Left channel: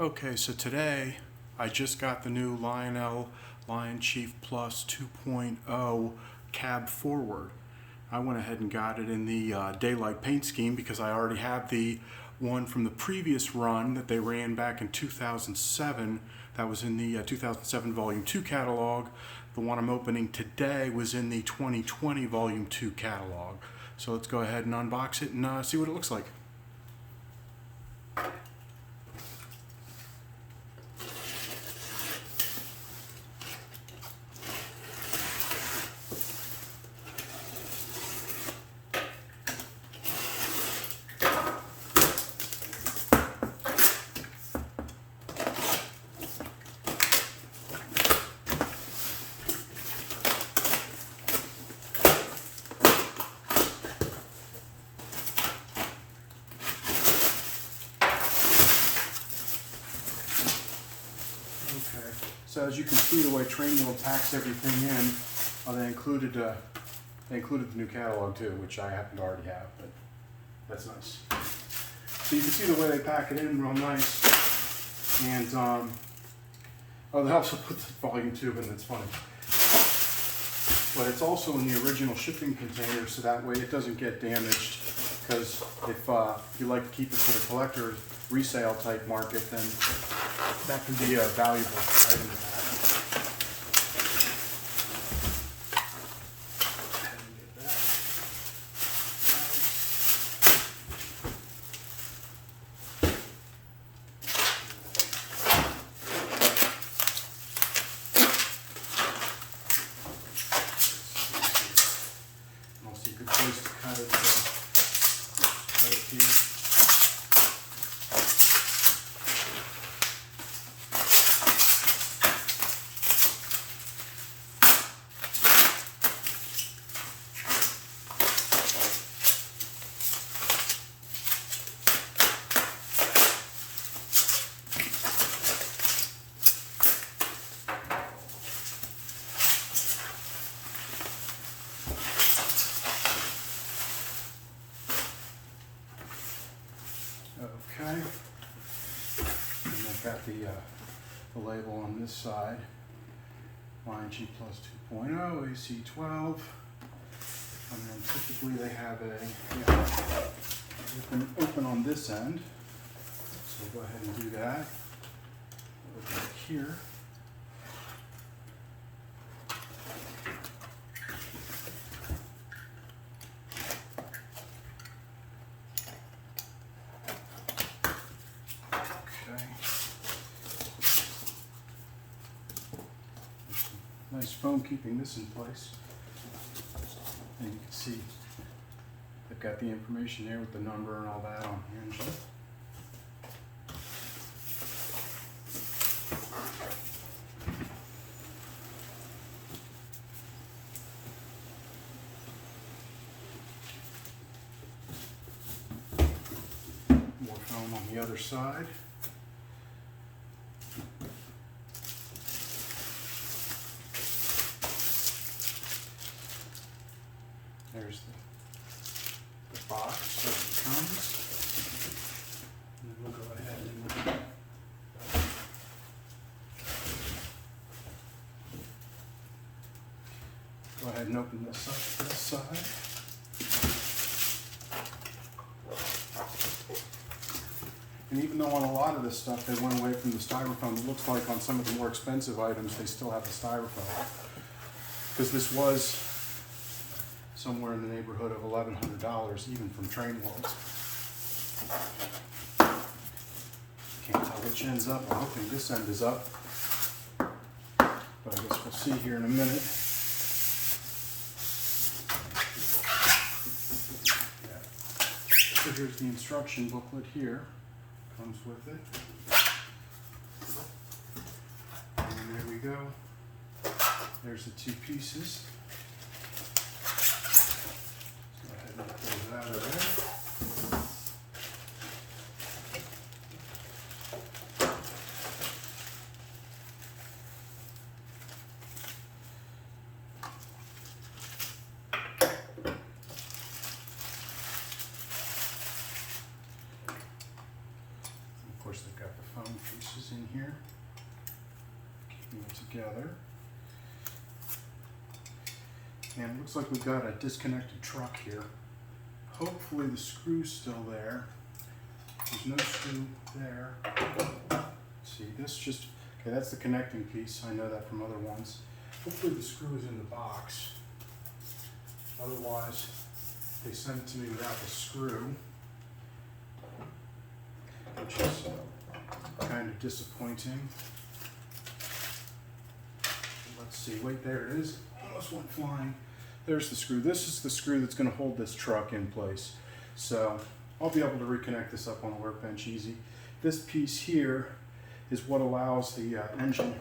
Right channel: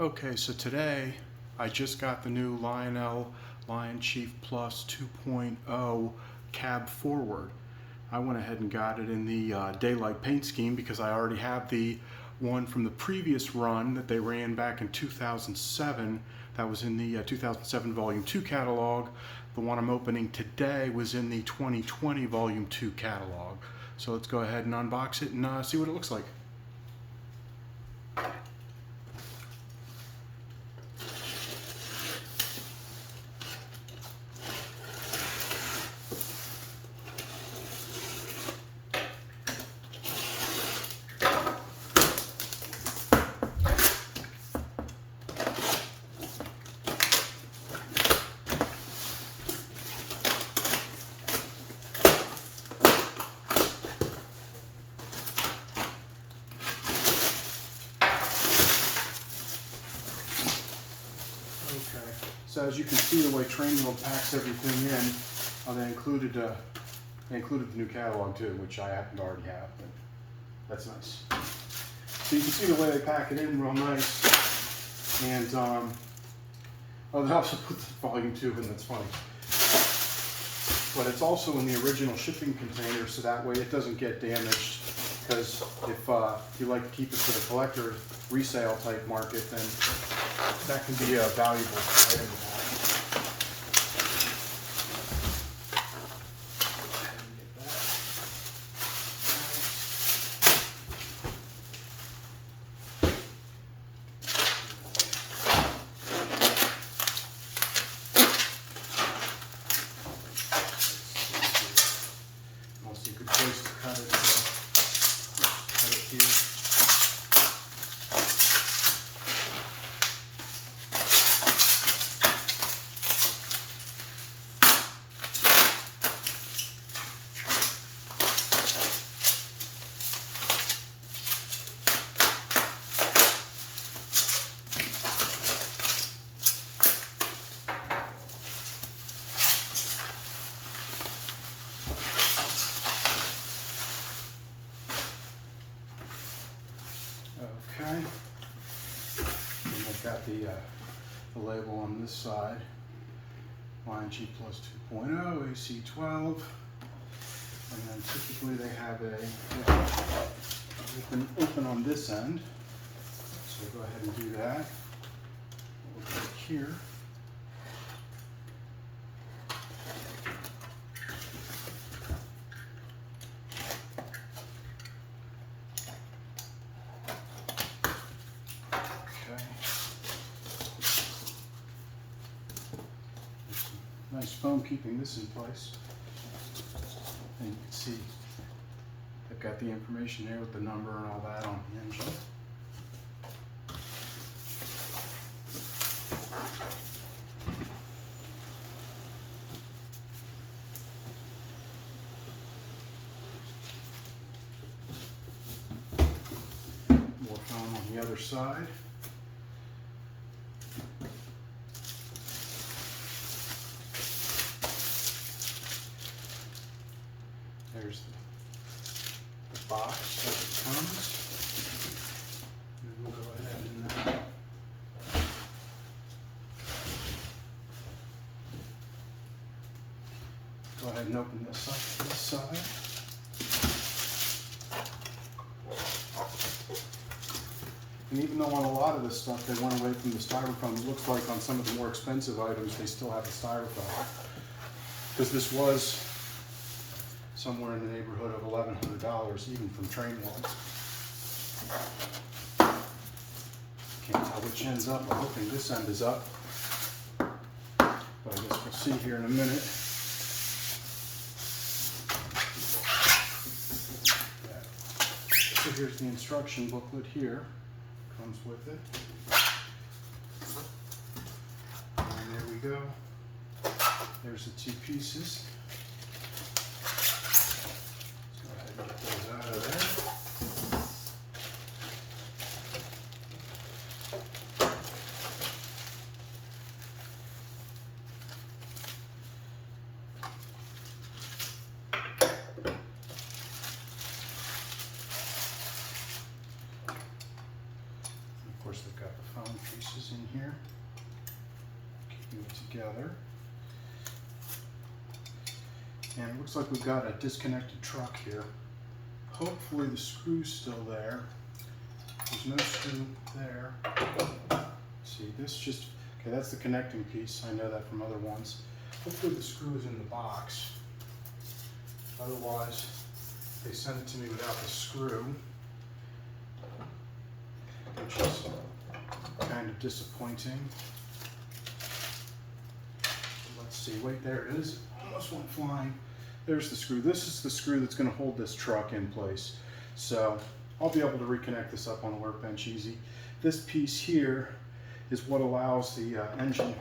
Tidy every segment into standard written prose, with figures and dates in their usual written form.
Okay, so today I just got the new Lionel Lionchief Plus 2.0 Cabforward. I went ahead and got it in the daylight paint scheme because I already have the one from the previous run that they ran back in 2007. That was in the 2007 Volume 2 catalog. The one I'm opening today was in the 2020 Volume 2 catalog. So let's go ahead and unbox it and see what it looks like. So as you can see, the way Trainwheel packs everything in, they included the new catalog too, which I happen to already have, but that's nice. So you can see the way they pack it in real nice. And they also put the volume 2 in, that's funny. But it's also in the original shipping container, so that way it doesn't get damaged. Because if you like to keep it for the collector resale type market, then that can be a valuable item to have. Also, you could place to cut it here. Okay, and I've got the label on this side, Lionchief Plus 2.0, AC-12, and then typically they have open on this end, so we'll go ahead and do that. Over here. Nice foam keeping this in place. And you can see I've got the information there with the number and all that on the engine. More foam on the other side. There's the box as it comes. And then we'll go ahead and go ahead and open this up to this side. And even though on a lot of this stuff they went away from the styrofoam, it looks like on some of the more expensive items they still have the styrofoam. Because this was somewhere in the neighborhood of $1,100 even from Trainwheel. Can't tell which end's up. I'm hoping this end is up, but I guess we'll see here in a minute. So here's the instruction booklet here. Comes with it. And there we go. There's the two pieces. Get those out of there. Of course, they've got got the foam pieces in here, keeping it together. And it looks like we've got a disconnected truck here. Hopefully the screw's still there. There's no screw there. See, this just, okay, that's the connecting piece. I know that from other ones. Hopefully the screw is in the box. Otherwise, they sent it to me without the screw, which is kind of disappointing. Let's see, wait, there it is. Almost went flying. There's the screw. This is the screw that's going to hold this truck in place. So I'll be able to reconnect this up on the workbench easy. This piece here is what allows the engine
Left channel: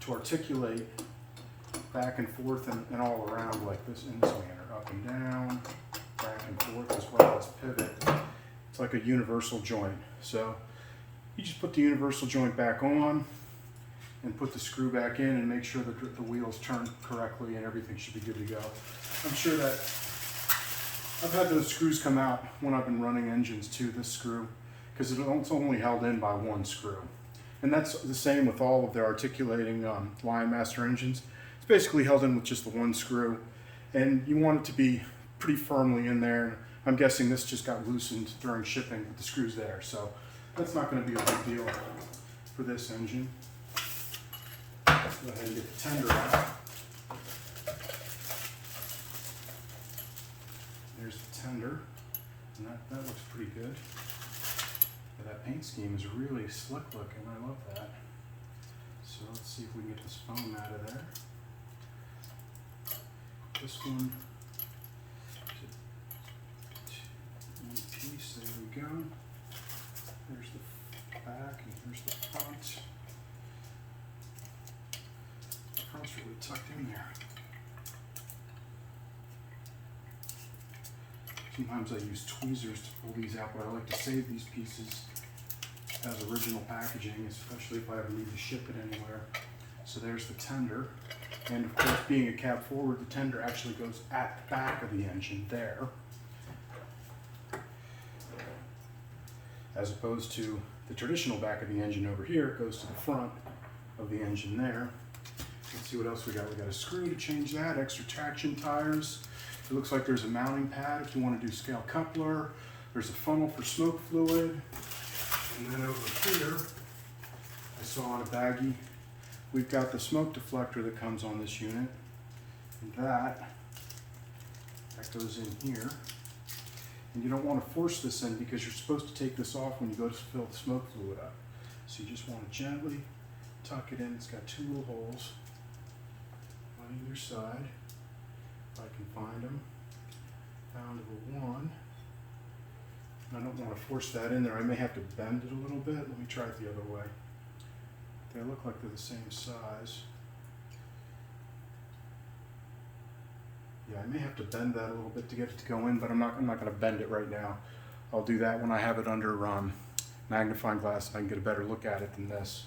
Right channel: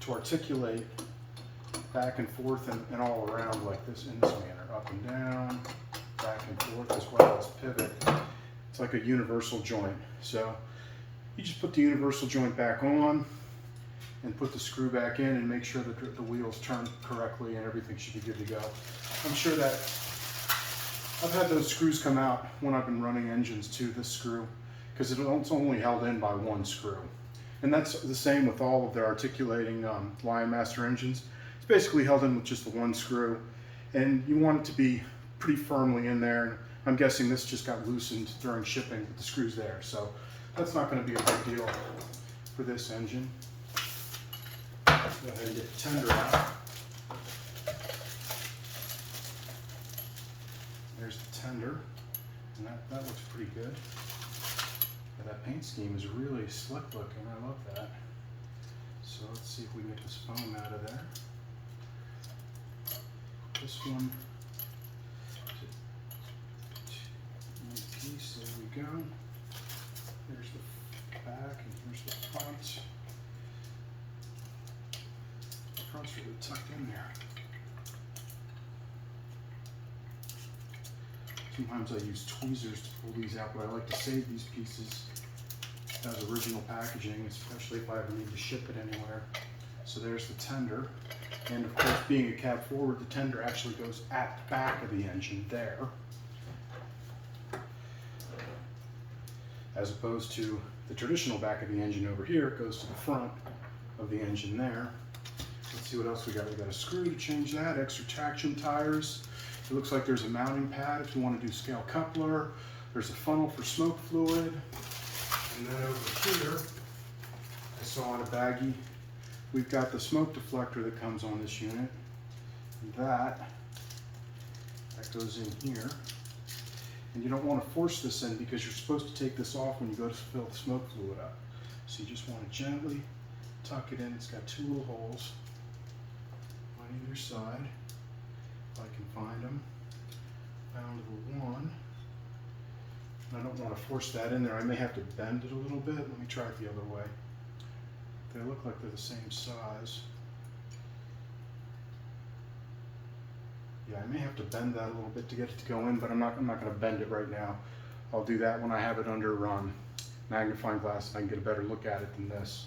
to articulate back and forth and all around like this in this manner, up and down, back and forth, as well as pivot. It's like a universal joint. So you just put the universal joint back on and put the screw back in and make sure that the wheels turn correctly and everything should be good to go. I'm sure that I've had those screws come out when I've been running engines too, this screw, because it's only held in by one screw. And that's the same with all of the articulating Lionmaster engines. It's basically held in with just the one screw, and you want it to be pretty firmly in there. I'm guessing this just got loosened during shipping with the screws there, so that's not going to be a big deal for this engine. Let's go ahead and get the tender out. There's the tender, and that looks pretty good. Yeah, that paint scheme is really slick looking, I love that. So let's see if we can get this foam out of there. This one piece, there we go. There's the back and here's the front. The front's really tucked in there. Sometimes I use tweezers to pull these out, but I like to save these pieces as original packaging, especially if I ever need to ship it anywhere. So there's the tender. And of course, being a Cabforward, the tender actually goes at the back of the engine there, as opposed to the traditional back of the engine over here. It goes to the front of the engine there. Let's see what else we got. We got a screw to change that, extra traction tires. It looks like there's a mounting pad if you want to do scale coupler. There's a funnel for smoke fluid. And then over here, I saw on a baggie, we've got the smoke deflector that comes on this unit. And that goes in here. And you don't want to force this in because you're supposed to take this off when you go to fill the smoke fluid up. So you just want to gently tuck it in. It's got two little holes on either side. If I can find them. Found one. I don't want to force that in there. I may have to bend it a little bit. Let me try it the other way. They look like they're the same size. Yeah, I may have to bend that a little bit to get it to go in, but I'm not going to bend it right now. I'll do that when I have it under magnifying glass and I can get a better look at it than this.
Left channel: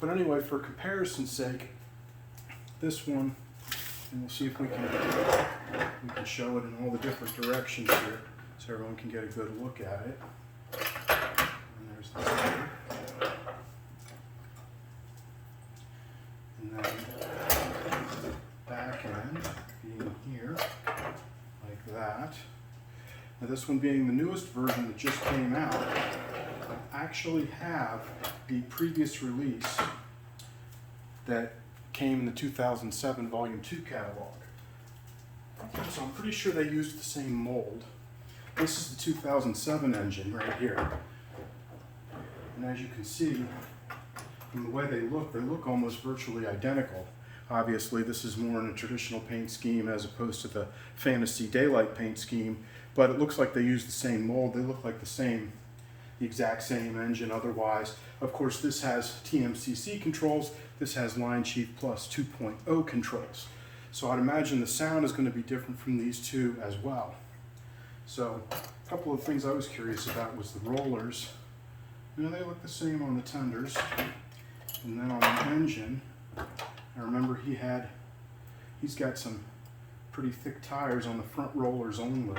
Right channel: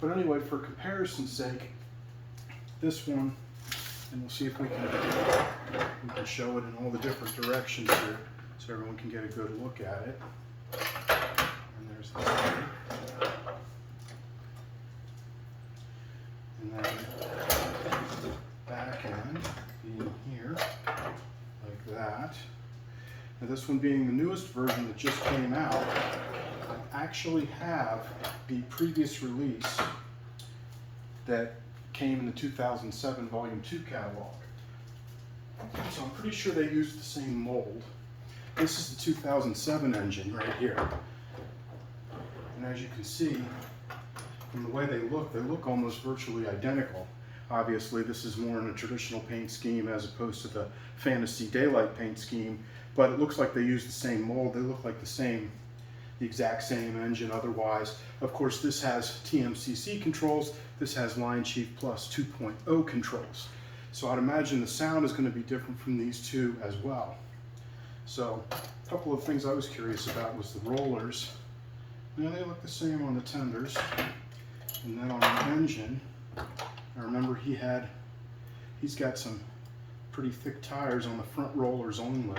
But anyway, for comparison's sake, this one, and we'll see if we can show it in all the different directions here so everyone can get a good look at it. And there's the tender. And then back end being here, like that. Now this one being the newest version that just came out, I actually have the previous release that came in the 2007 Volume 2 catalog. So I'm pretty sure they used the same mold. This is the 2007 engine right here. And as you can see, from the way they look almost virtually identical. Obviously, this is more in a traditional paint scheme as opposed to the fantasy daylight paint scheme, but it looks like they use the same mold. They look like the exact same engine otherwise. Of course, this has TMCC controls. This has Lionchief Plus 2.0 controls. So I'd imagine the sound is going to be different from these two as well. So a couple of things I was curious about was the rollers. Now they look the same on the tenders. And then on the engine, I remember he's got some pretty thick tires on the front rollers only.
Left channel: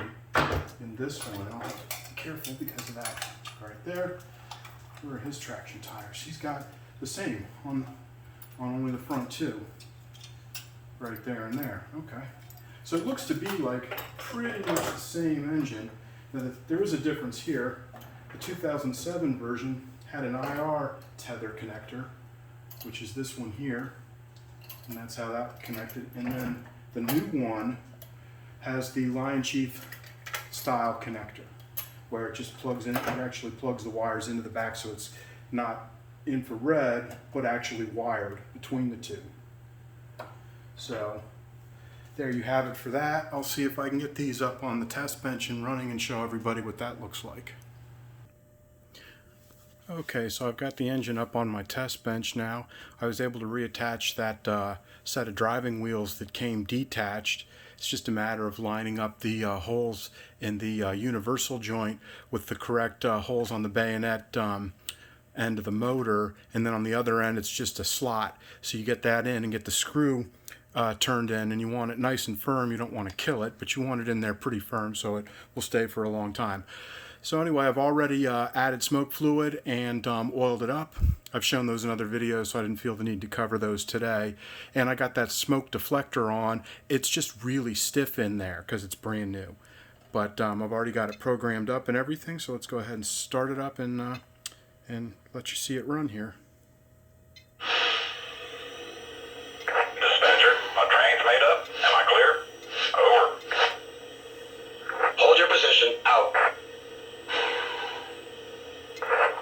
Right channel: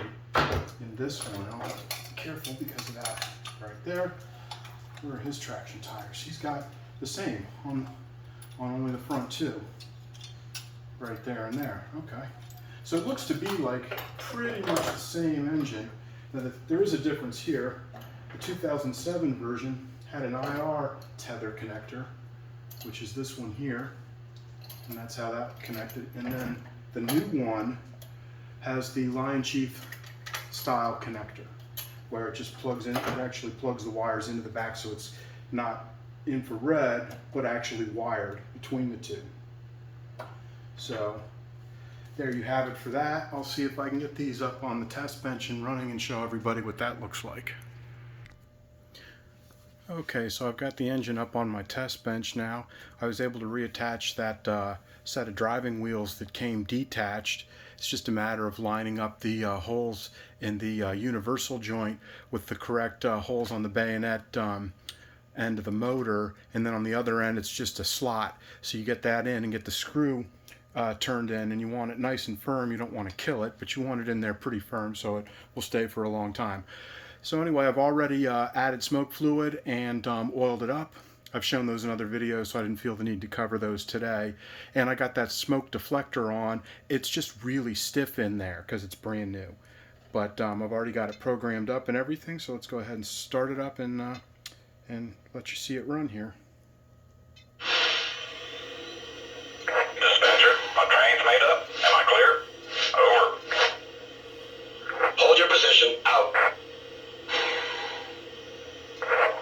In this one, I'll have to be careful because of that right there. where are his traction tires? He's got the same on only the front two. Right there and there. Okay. So it looks to be like pretty much the same engine. Now there is a difference here. The 2007 version had an IR tether connector, which is this one here, and that's how that connected. And then the new one has the Lionchief style connector, where it just plugs in. It actually plugs the wires into the back, so it's not infrared, but actually wired between the two. So there you have it for that. I'll see if I can get these up on the test bench and running and show everybody what that looks like. Okay, so I've got the engine up on my test bench now. I was able to reattach that set of driving wheels that came detached. It's just a matter of lining up the holes in the universal joint with the correct holes on the bayonet end of the motor, and then on the other end it's just a slot. So you get that in and get the screw turned in, and you want it nice and firm. You don't want to kill it, but you want it in there pretty firm so it will stay for a long time. So anyway, I've already added smoke fluid and oiled it up. I've shown those in other videos, so I didn't feel the need to cover those today. And I got that smoke deflector on. It's just really stiff in there because it's brand new. But I've already got it programmed up and everything, so let's go ahead and start it up and let you see it run here. Dispatcher, my train's made up. Am I clear? Over. Hold your position. Out.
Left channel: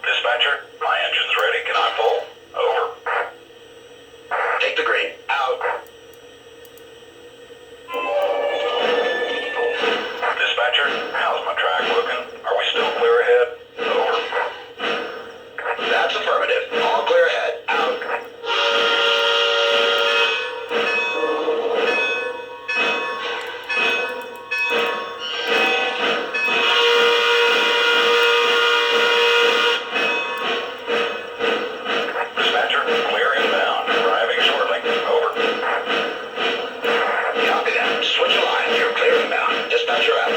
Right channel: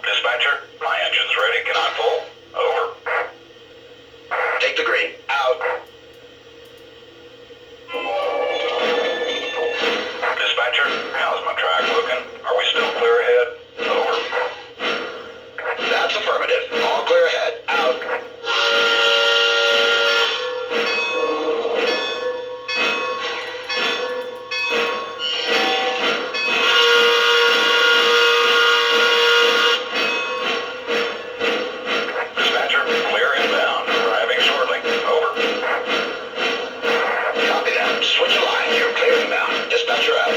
Dispatcher, my engine's ready. Can I pull? Over. Take the green. Out. Dispatcher, how's my track looking? Are we still clear ahead? Over. That's affirmative. All clear ahead. Out. Dispatcher, clear inbound. Arriving shortly. Over. Copy that. Switch a line. You're clear inbound. Dispatcher out.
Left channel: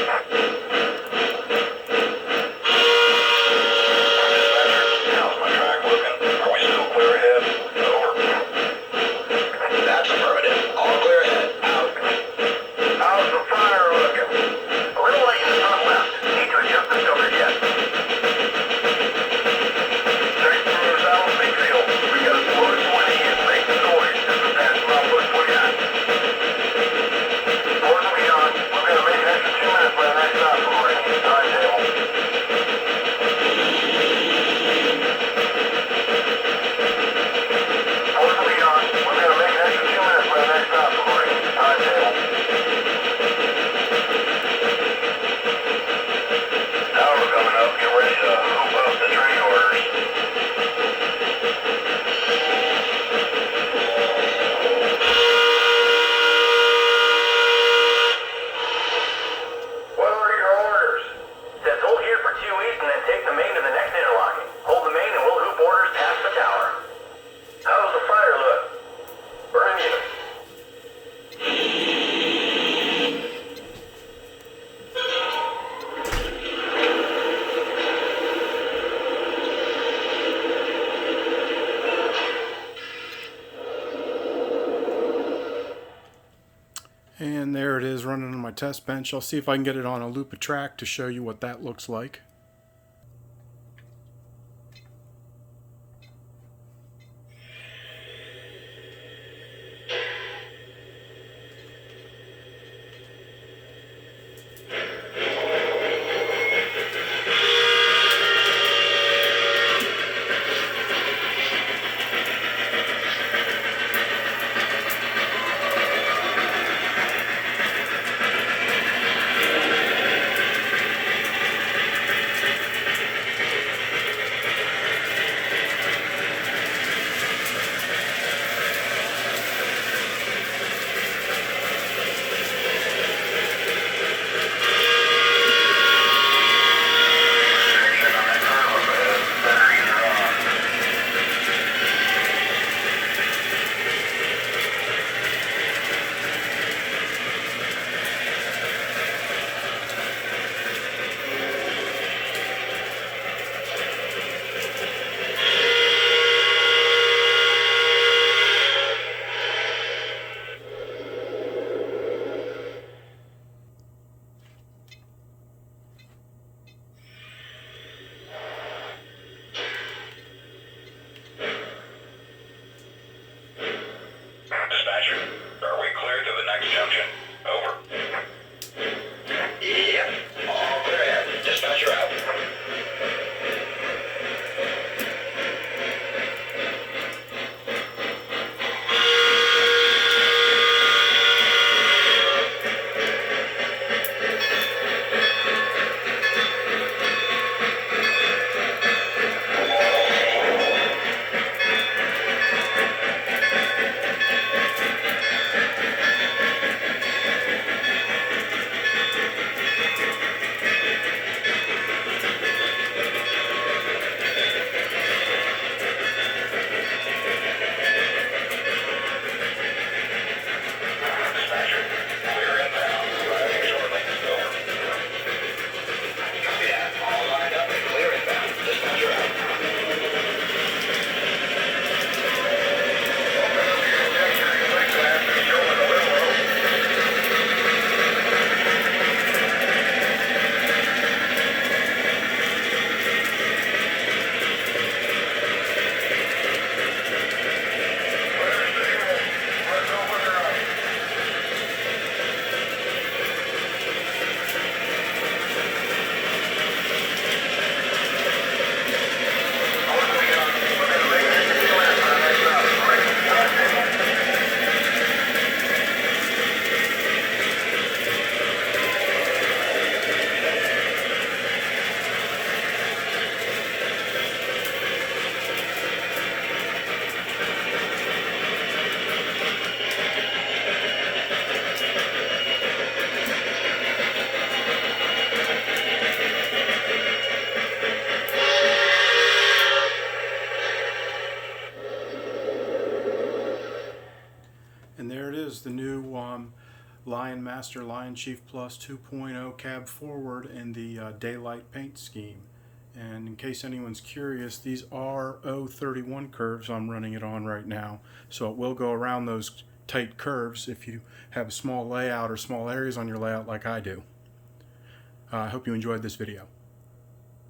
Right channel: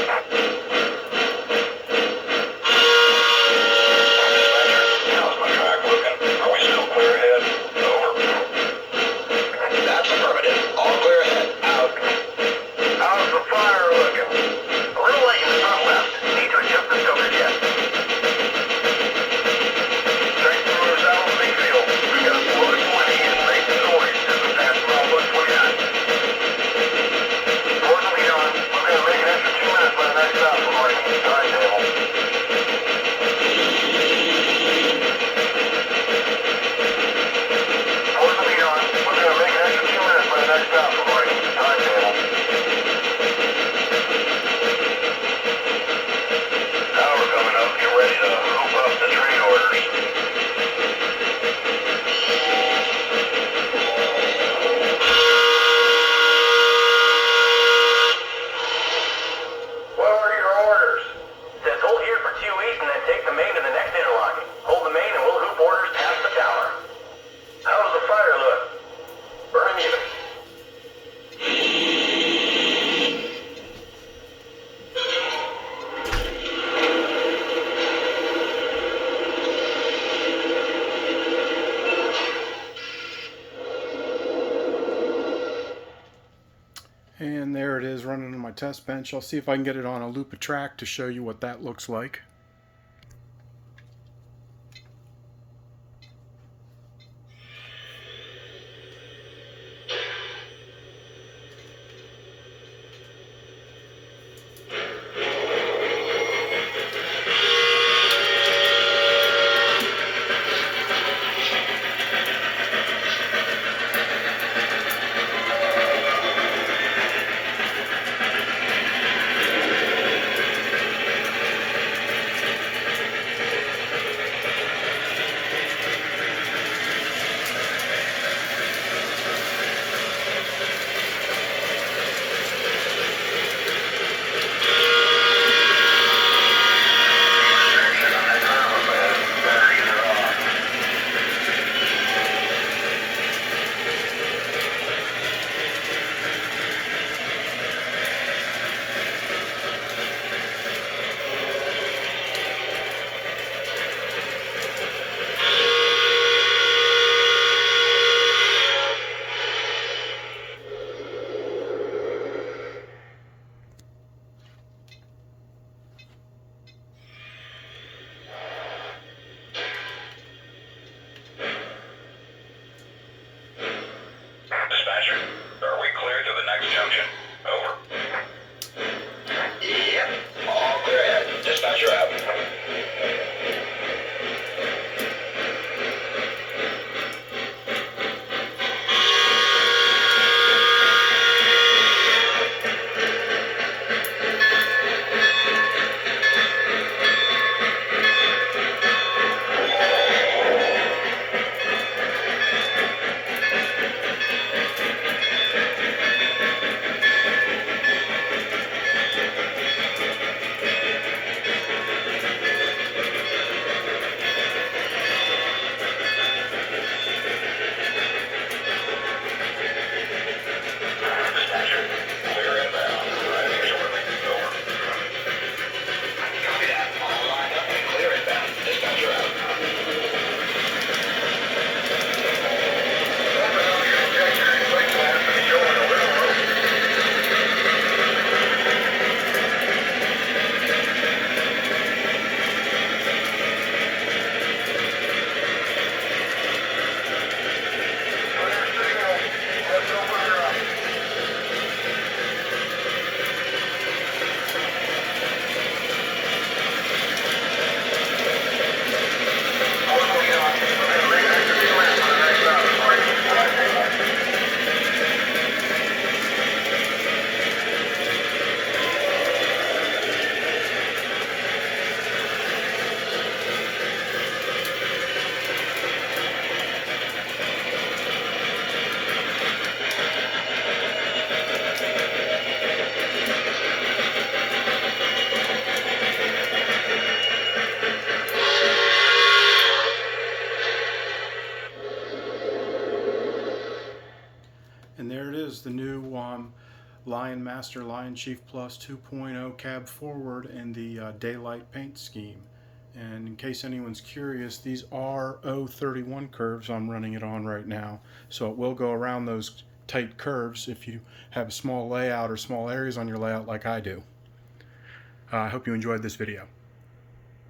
Dispatcher, how's my track looking? Are we still clear ahead? Over. That's affirmative. All clear ahead. Out. How's the fire looking? A little light in the front left. Need to adjust the filter jet. Straight through South Mayfield. We got 420 and make the noise. Just a pass about 129. Port and beyond. We're going to make an extra 2 minutes by the next stop before I need the timetable. Port and beyond. We're going to make an extra 2 minutes by the next stop before I need the timetable. Tower coming up. Get ready to hoop up the train orders. What are your orders? Says hold here for 2 weeks and then take the main to the next interlocking. Hold the main and we'll hoop orders past the tower. How does the fire look? Burn you. And there it is running on my test bench. I'll see if I can get it on a loop of track to show you what that looks like. Lionmaster Lionchief Plus 2.0 Cabforward in the daylight paint scheme. And in case anyone's curious, these are 031 curves I'm running it on right now, so it will go around those tight curves if you have a small layout or small areas on your layout like I do. I hope you enjoyed this video.